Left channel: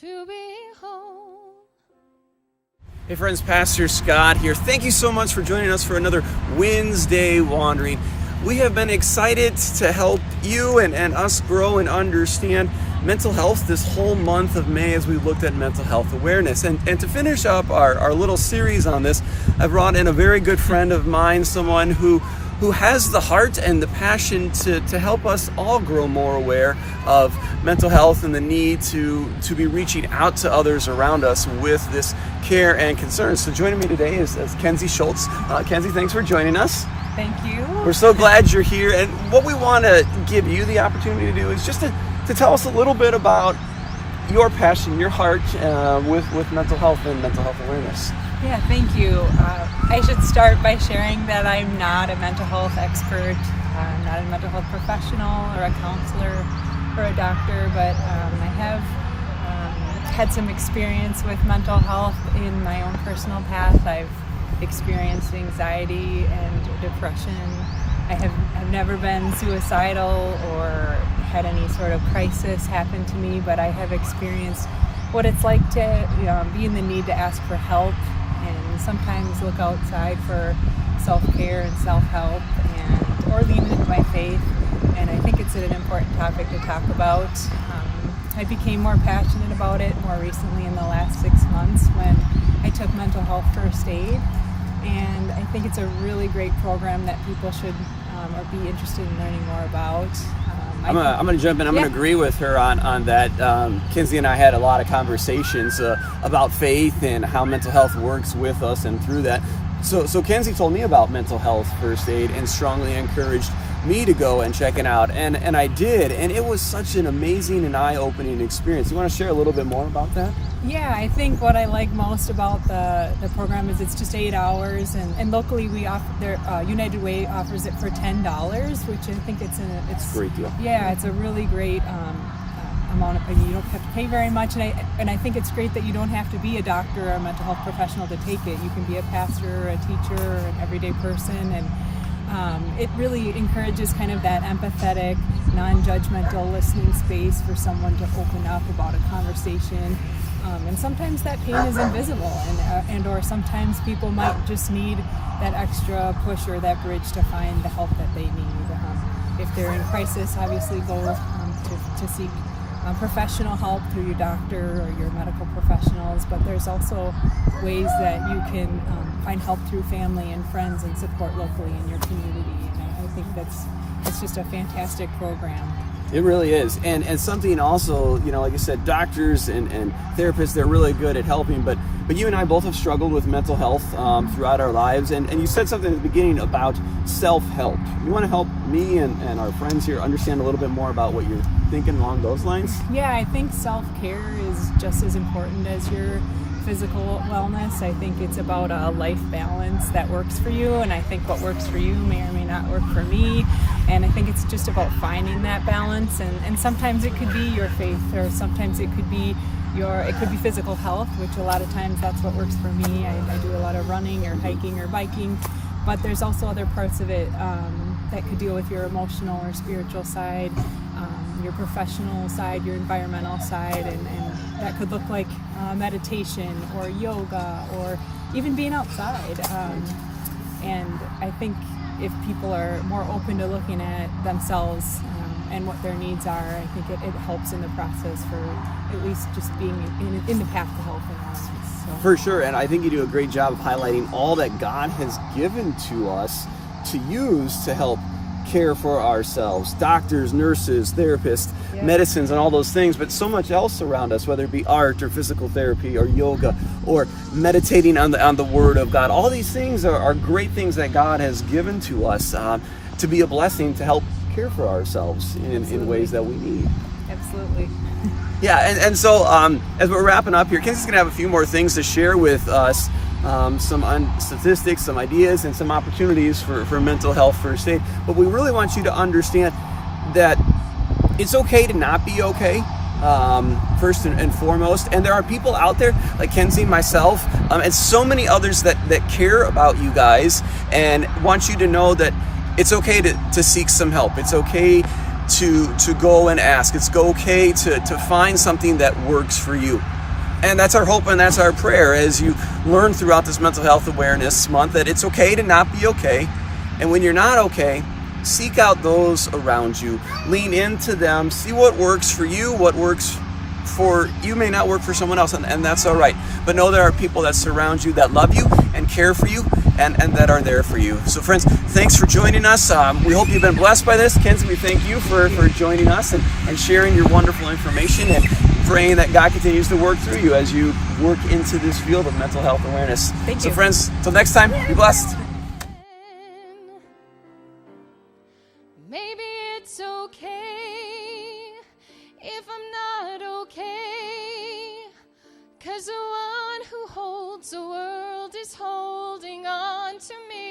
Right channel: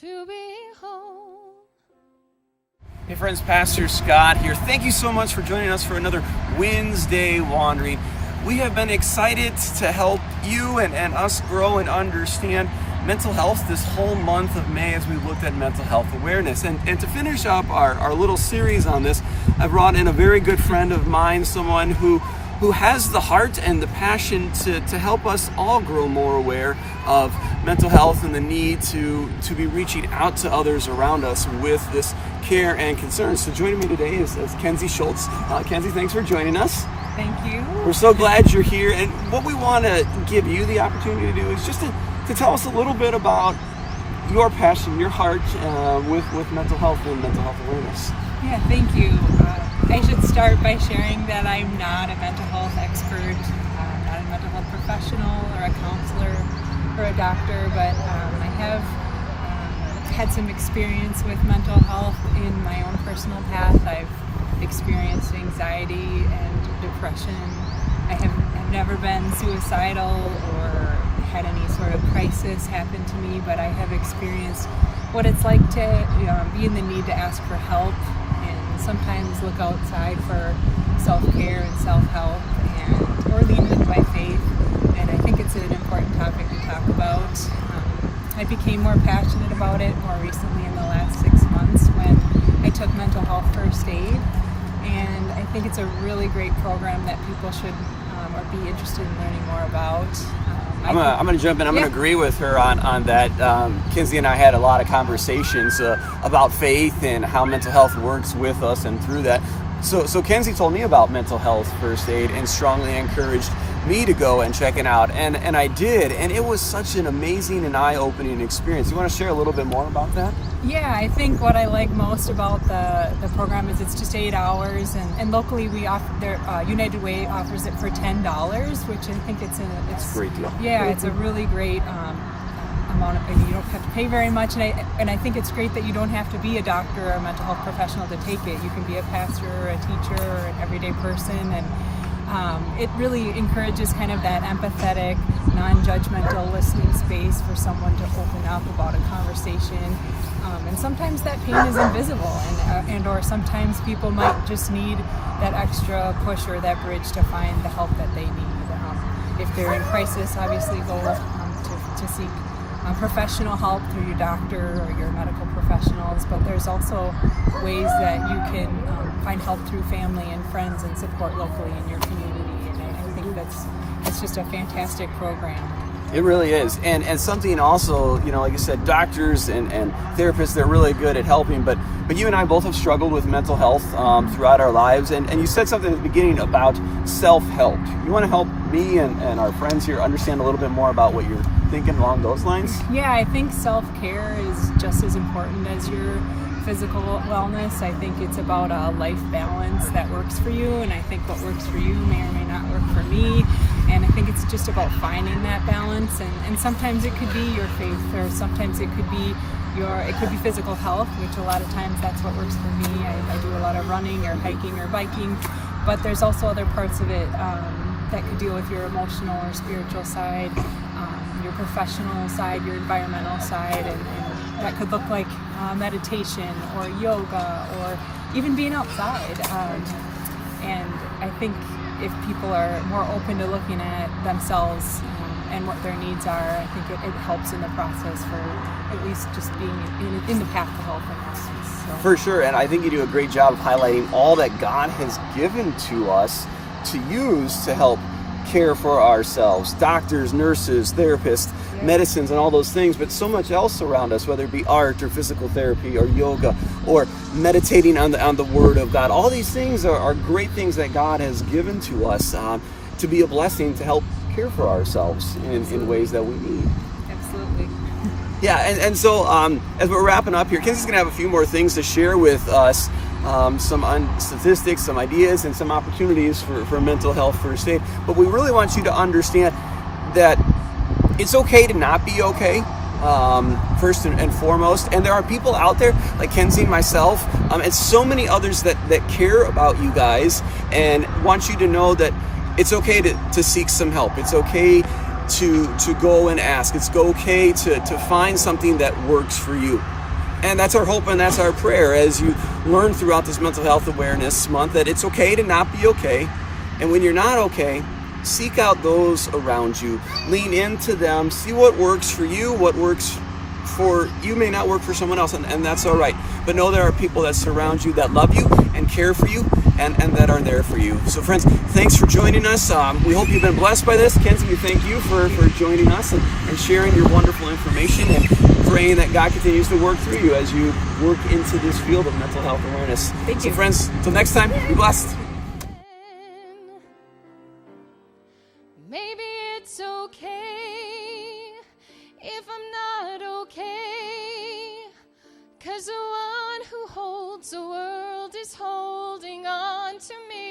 to be home. Hey friends, Pastor Scott here. Thank you so much for joining us for another Wednesday Wandering. We have been excited to help you and us grow and understand mental health this whole month of May as we looked at mental health awareness. And to finish up our little series on this, I brought in a very good friend of mine, someone who has the heart and the passion to help us all grow more aware of mental health and the need to be reaching out to others around us with this care and concern. So joining me today is Kenzie Schultz. Kenzie, thanks for joining us. Thank you. We're so glad you're here. And what we want to give you the opportunity to do is just to tell us a little bit about your passion, your heart with mental health and mental health awareness. Yeah, thank you. I should start by sharing that I'm not a mental health expert, not a mental health professional or a counselor or a doctor, but I have had some experience with mental health in my own personal path. I've experienced anxiety and depression. I've never been suicidal or had any sort of crisis happen to me, but I have experienced what it's like to be in the need to ask for help and sometimes look outside for self-care and self-help or lean into my faith. And I think it's an important topic to talk about. I became more passionate about it more recently in the last 6 months when I took mental health first aid. And I think it's a really great program that people should or be interested in learning more about. I'm going to jump in. I'm going to agree with her on that. Kenzie and I had a lot of conversations about faith and how mental health works with us and through that. So Kenzie told me about mental health first aid and strongly encouraged me to go and check it out. And I did. And it was such an amazing and eye-opening experience. You want to share a little bit more about that? Yeah, I think what I like most about the program is it's just 8 hours, and locally we offer United Way offers it for $10, which I think it's a great deal. Yeah, it's a really great amount of, you don't have to pay very much, and I think it's great that you don't have to be a doctor or a mental health professional to take it. You can be a pastor, a teacher, or an everyday person, and it really encourages kind of that empathetic, non-judgmental listening space for someone to open up about a conversation. And sometimes that pain is invisible, and or sometimes people might just need that extra push or that bridge to find the help that they need. If they're in crisis, obviously go to seek professional help through your doctor or your medical professionals, but there's also ways that you can find help through family and friends and support locally in your community. And I think that's just a fantastic program. It really is. And something also, like I said, doctors and therapists, they're really good at helping, but you and I both have struggled with mental health throughout our lives, and you said something at the beginning about self-help. You want to help me and our friends here understand a little bit more about what you're thinking along those lines? Yeah, I think self-care is just as important as your physical wellness. I think it's about a life balance that works for you, and I think what works for you may or may not work for me. And I think it's just about finding that balance, and sometimes it could be your faith, or sometimes it could be physical health, which a lot of times that's what works for me. I do a lot of running or hiking or biking, but there's also other parts of it that could deal with your emotional or spiritual side, your professional side, your environmental side, and that could look like meditation or yoga or even being outside. And I think if people are more open to looking at themselves and what their needs are, I think it helps in the process for at least just being in the path to health and wellness. So. For sure, and I think you do a great job of highlighting all that God has given to us to use to help care for ourselves. Doctors, nurses, therapists, medicines, and all those things, but so much else around us, whether it be art or physical therapy or yoga or meditating on the Word of God. All these things are great things that God has given to us to be a blessing to help care for ourselves in ways that we need. Absolutely. Yeah, and so as we're wrapping up here, Kenzie's going to have a few more things to share with us, some statistics, some ideas, and some opportunities for mental health first aid. But we really want you to understand that it's okay to not be okay, first and foremost. And there are people out there like Kenzie and myself, and so many others that care about you guys and want you to know that it's okay to seek some help. It's okay to go and ask. It's okay to find something that works for you. And that's our hope and that's our prayer as you learn throughout this Mental Health Awareness Month that it's okay to not be okay. And when you're not okay, seek out those around you. Lean into them. See what works for you. What works for you may not work for someone else, and that's all right. But know there are people that surround you that love you and care for you and that are there for you. So friends, thanks for joining us. We hope you've been blessed by this. Kenzie, we thank you for joining us and sharing your wonderful information and praying that God continues to work through you as you work into this field of mental health awareness. Thank you. So friends, till next time, be blessed. Maybe it's okay if I'm not okay, 'cause the one who holds the world is holding on to me.